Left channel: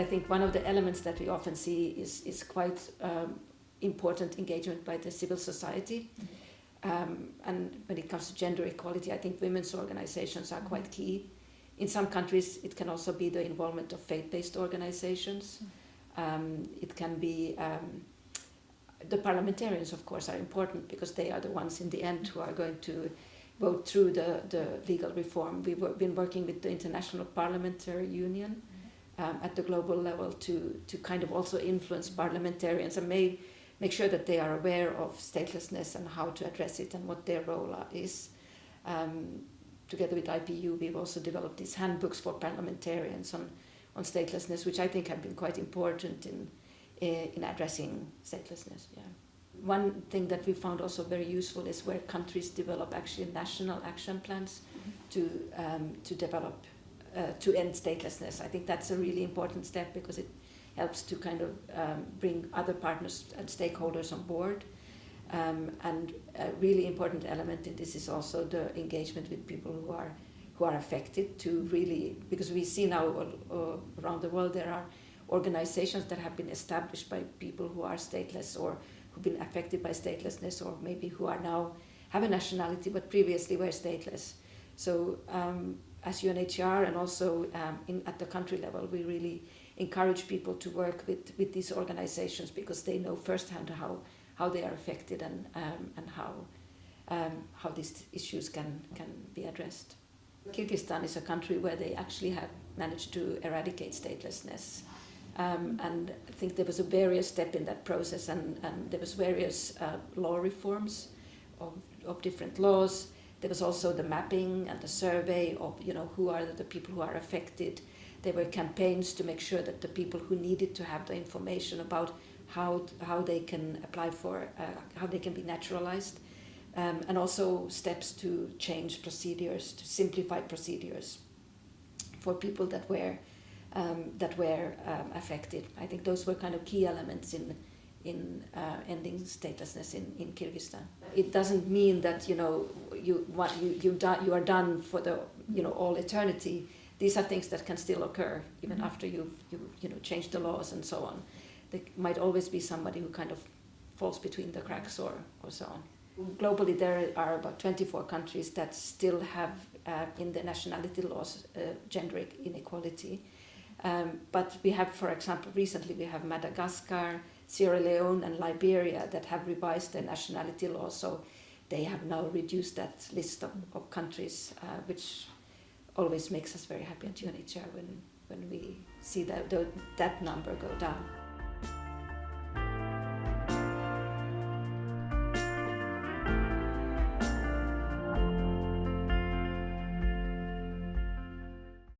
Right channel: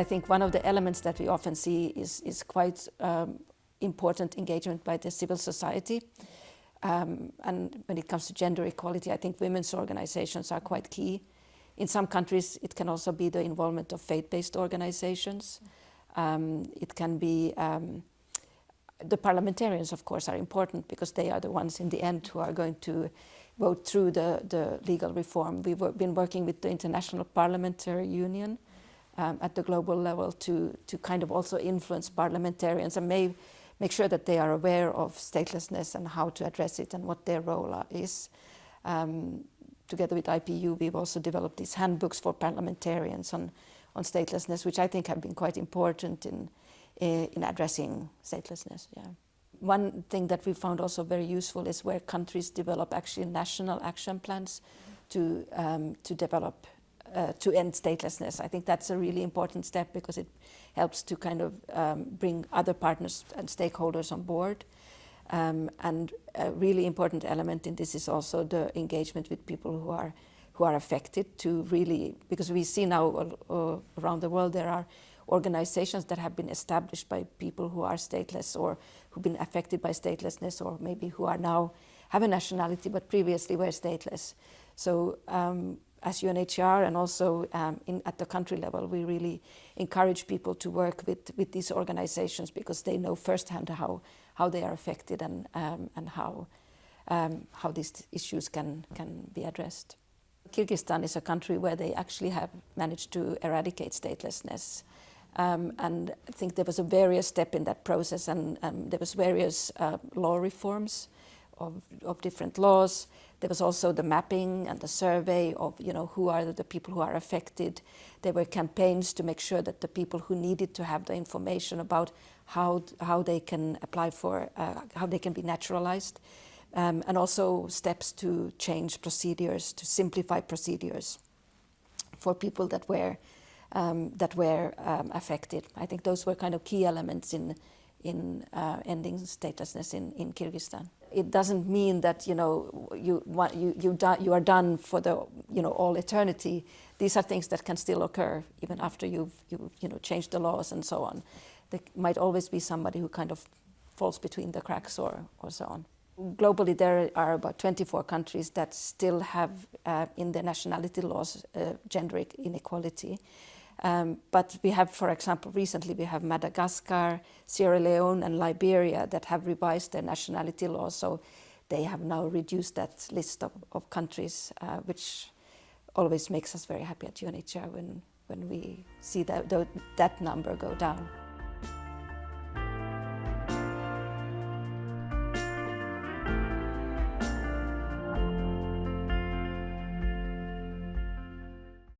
I think one of the elements that we often see is quite important engagement by the civil society. And when it comes to gender equality, I think women's organizations are quite key. In some countries, it can also be the involvement of faith-based organizations. It can be the parliamentarians, of course, are important because they are the ones in the end who are going to vote through the legal reform. We've been working with the International Parliamentary Union at the global level to kind of also influence parliamentarians and make sure that they are aware of statelessness and how to address it and what their role is. Together with IPU, we've also developed these handbooks for parliamentarians on statelessness, which I think have been quite important in addressing statelessness. Yeah. One thing that we found also very useful is where countries develop actually national action plans to develop to end statelessness. I think that's a really important step because it helps to kind of bring other partners and stakeholders on board. And a really important element in this is also the engagement with people who are affected to really, because we see now around the world there are organizations that have been established by people who are stateless or who've been affected by statelessness, or maybe who are now have a nationality but previously were stateless. So as UNHCR and also at the country level, we really encourage people to work with these organizations because they know firsthand how they are affected and how these issues can be addressed. Kyrgyzstan is a country where they actually have managed to eradicate statelessness. And I think there was a various step in that process, and there was various law reforms of different laws. There was also the mapping and the survey of who are the people who are affected. There were campaigns to make sure that the people who needed to have the information about how they can apply for, how they can be naturalized, and also steps to change procedures, to simplify procedures for people that were affected. I think those were kind of key elements in ending statelessness in Kyrgyzstan. It doesn't mean that you are done for the all eternity. These are things that can still occur even after you've changed the laws and so on. There might always be somebody who kind of falls between the cracks or so on. Globally, there are about 24 countries that still have in their nationality laws gender inequality. But we have, for example, recently we have Madagascar, Sierra Leone and Liberia that have revised their nationality laws, so they have now reduced that list of countries, which always makes us very happy at UNHCR when we see that number go down.